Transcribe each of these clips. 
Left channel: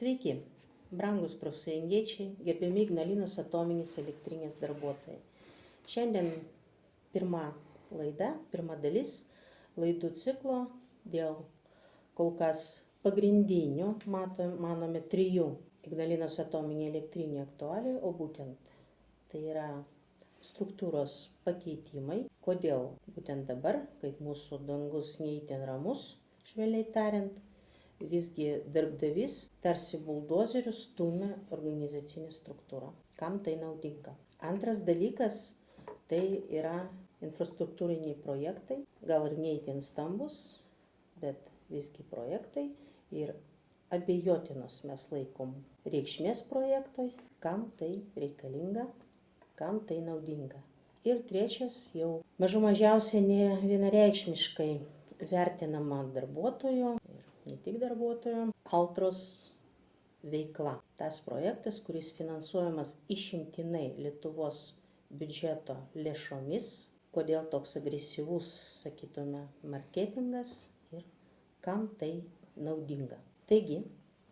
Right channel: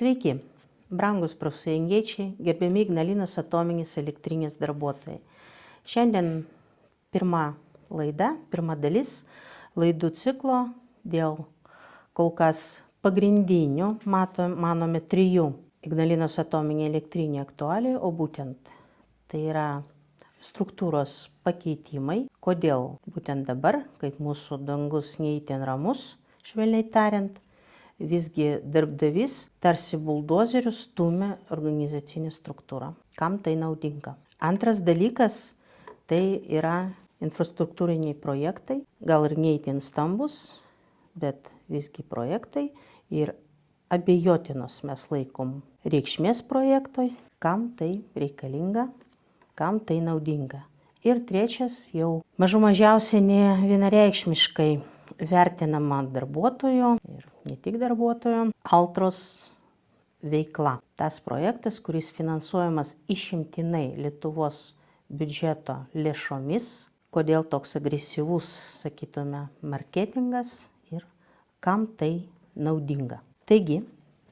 Sveiki, brangus profsąjungiečiai, gerbiami Ignalinos atominės elektrinės darbuotojai. Šiandien pirma dalis laidų ciklo dėl kol kas pagrindinių, manome, 3 Ignalinos atominė elektrinė aktualijų, o būtent tai yra struktūros pakeitimai. Kodėl būtent dabar, kaip mūsų dangus neįtin ramus, švelniai tariant, visgi darbdavys tarsi buldozeriu stumia organizacinę struktūrą. Kam tai naudinga? Antras dalykas tai yra infrastruktūriniai projektai, gal ir neįtin stambus, bet visgi projektai ir abejotinos mes laikom reikšmės projektais, kam tai reikalinga, kam tai naudinga. Ir trečias jau mažiausiai ne vienareikšmiškai vertinama darbuotojų ir ne tik darbuotojų Altros veikla. Tas projektas, kuris finansuojamas išimtinai Lietuvos biudžeto lėšomis, kodėl toks agresyvus, sakytume, marketingas ir kam tai naudinga. Taigi,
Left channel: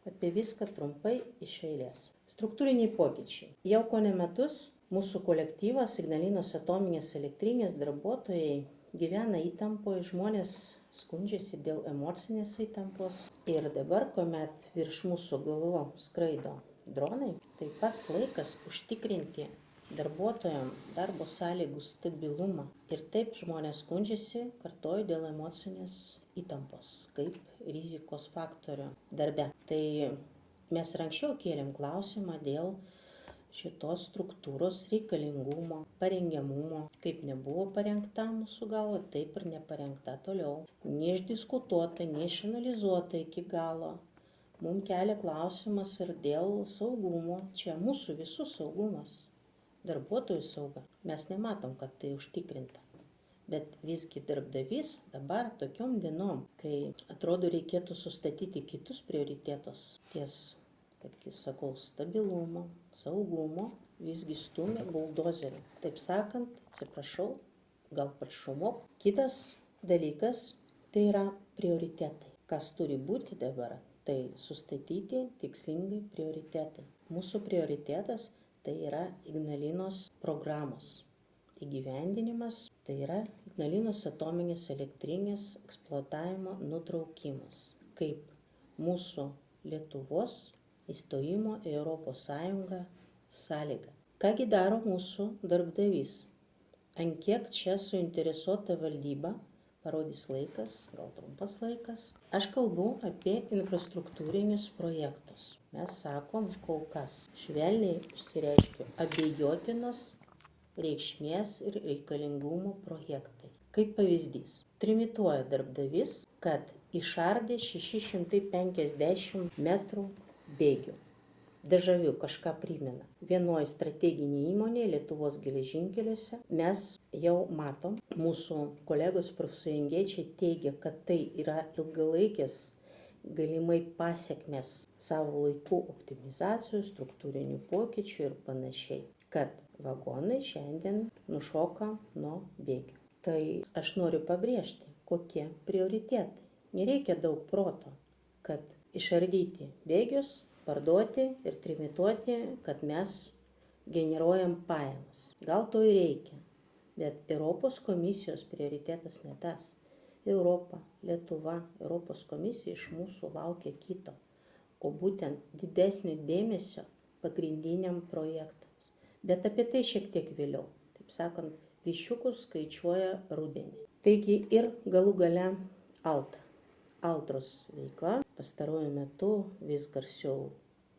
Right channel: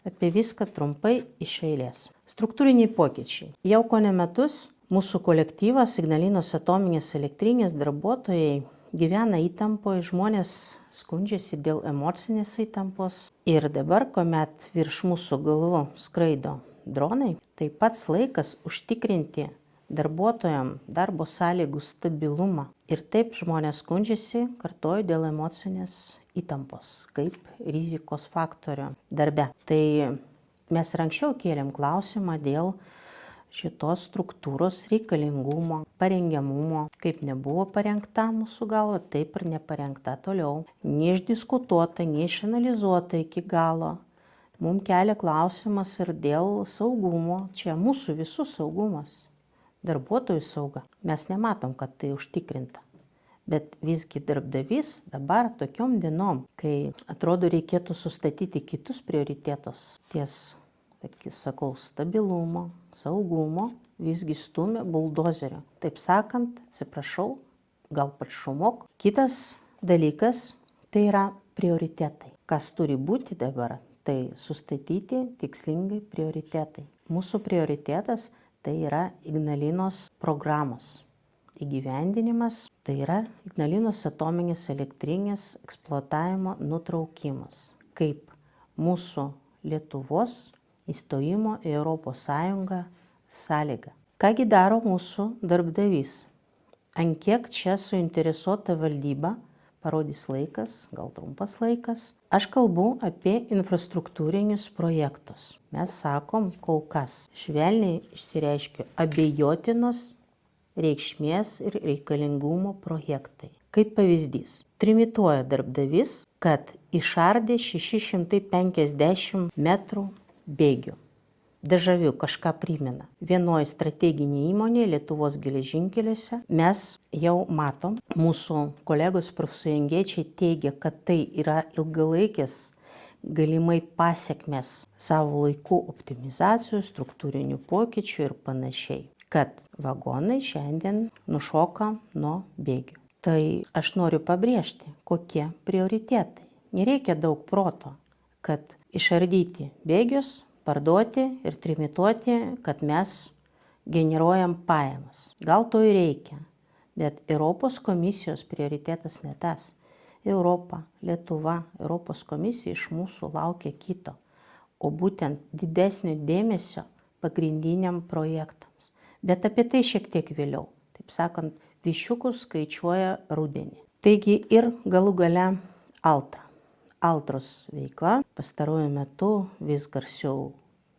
apie viską trumpai iš eilės. Struktūriniai pokyčiai. Jau kone metus mūsų kolektyvas Ignalinos atominės elektrinės darbuotojai gyvena įtampoje, žmonės skundžiasi dėl emocinės įtampos. Ir dabar, kuomet virš mūsų galvų skraido dronai, tai pats laikas užtikrinti darbuotojams darbo sąlygų stabilumą. Ir taip žmonės skundžiasi, kartoju, dėl emocinės įtampos, kaip rizikos faktorio darbe. Tai mes ir anksčiau kėlėm klausimą dėl šitos struktūros reikalingumo, parengiamumo, kaip nebuvo parengta mūsų galva, taip ir neparengta toliau. Neišdiskutuota, neišanalizuota iki galo. Mums kelia klausimas ir dėl saugumo, čia mūsų visų saugumas, darbuotojų sauga. Mes nematom, kad tai užtikrinta. Bet visgi darbdavys dabar tokiom dienom, kai atrodo reikėtų sustatyti kitus prioritetus, sakau, stabilumo, saugumo, visgi stumia buldozeriu. Taip sakant, atsiprašau, gal pat šumok. Kitas dalykas tai yra prioritetai. Kas turi būti dabar, tai sustatyti tikslingai prioritetai. Mūsų prioritetas tai yra Ignalinos programos įgyvendinimas, tai yra Ignalinos atominės elektrinės eksploatavimo nutraukimas, kaip mūsų Lietuvos įstojimo į Europos Sąjungą sąlyga. Kągi daro mūsų darbdavys? Ant kiek čia suinteresuota valdyba, parodys laikas, gal trumpas laikas. Aš kalbu apie infrastruktūrinius projektus. Mes sakom, kol kas švelniai išsireiškiu, abejotinos reikšmės ir reikalingumo projektai. Kaip pavyzdys, trimituoja darbdavys, kad išardė 650 metrų bėgių. Dežaviu kažką primena. Vienoje strateginėje įmonėje Lietuvos geležinkeliuose mes jau matom, mūsų kolegos profsąjungiečiai teigia, kad tai yra ilgalaikės galimai pasekmės savo laikų optimizacijų, struktūrinių pokyčių ir panašiai, kad vagonai šiandien nušoka nuo bėgių. Tai aš noriu pabrėžti, kokie prioritetai. Nereikia daug proto, kad išardyti bėgius, parduoti ir trimituoti, kad mes generuojam pajamas. Gal to ir reikia, bet Europos komisijos prioritetas ne tas. Europa, Lietuva, Europos komisija iš mūsų laukia kito, o būtent didesnio dėmesio pagrindiniam projektams. Bet apie tai šiek tiek vėliau. Taip sakant, viščiukus skaičiuoja rudenį. Taigi ir galų gale Altros veikla pastaruoju metu vis garsiau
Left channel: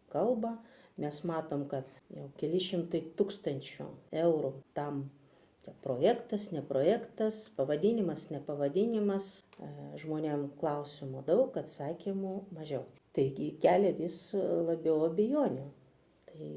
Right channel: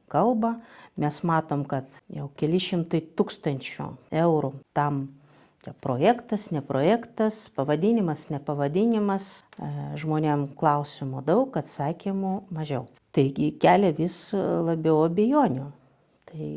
kalba. Mes matom, kad jau keli šimtai tūkstančių eurų tam projektas, ne projektas, pavadinimas, ne pavadinimas. Žmonėm klausimų daug, atsakymų mažiau. Taigi kelia vis labiau abejonių. Tai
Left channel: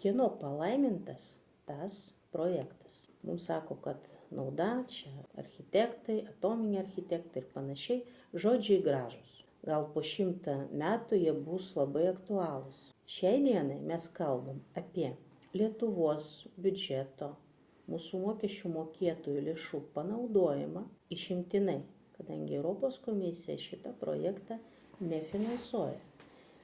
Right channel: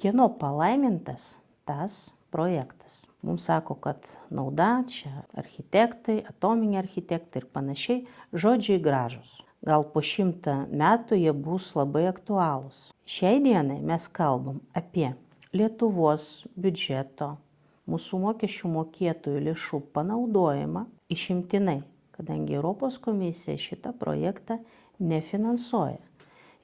kieno palaimintas tas projektas? Mums sako, kad nauda, čia architektai, atominiai architektai ir panašiai, žodžiai gražus. Gal po 100 metų jie bus labai aktualūs. Šiai dienai mes kalbam apie Lietuvos biudžeto, mūsų mokesčių mokėtojų lėšų panaudojimą išimtinai, kadangi Europos komisija šitą projektą nefinansuoja.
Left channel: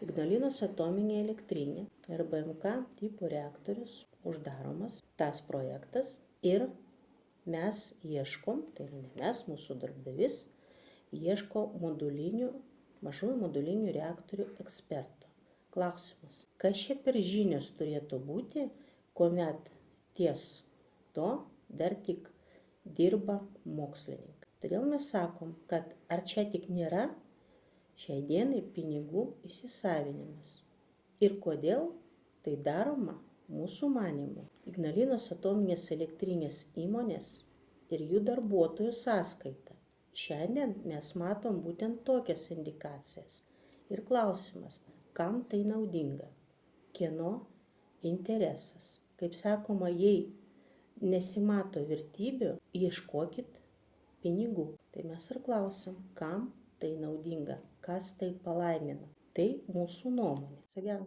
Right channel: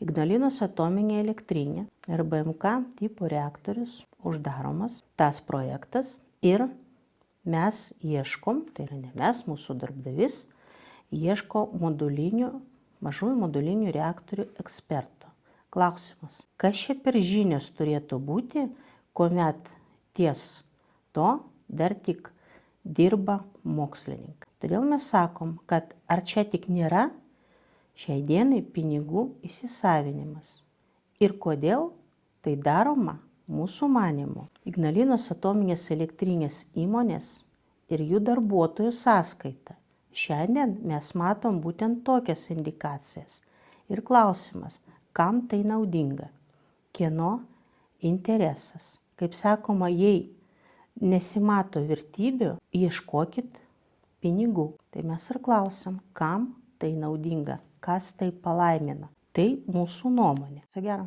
Ignalinos atominė elektrinė RBMK tipo reaktorius uždaromas, tas projektas ir mes ieškom, tai yra ne mes, mūsų darbdavys, ieško mažųjų modulinių reaktorių eksperto. Klausimas, kas čia per žinios turėtų būti, kuomet ties to dar tik dirba mokslininkai. Todėl mes sakom, kad ar čia tik nėra šiai dienai pinigų įsisavinimas ir kodėl tai daroma mūsų manymu Ignalinos atominės elektrinės įmonės ir jų darbuotojų sąskaita. Šiandien mes matom būtent tokias indikacijas. Ir klausimas, kam tai naudinga, kieno interesas. Kaip sakoma, jei nesimato vertybių, ieškokit pinigų. Tai mes ir klausim, kam tai naudinga, kas tai palaimina. Tai mūsų nuomonė. Viso gero.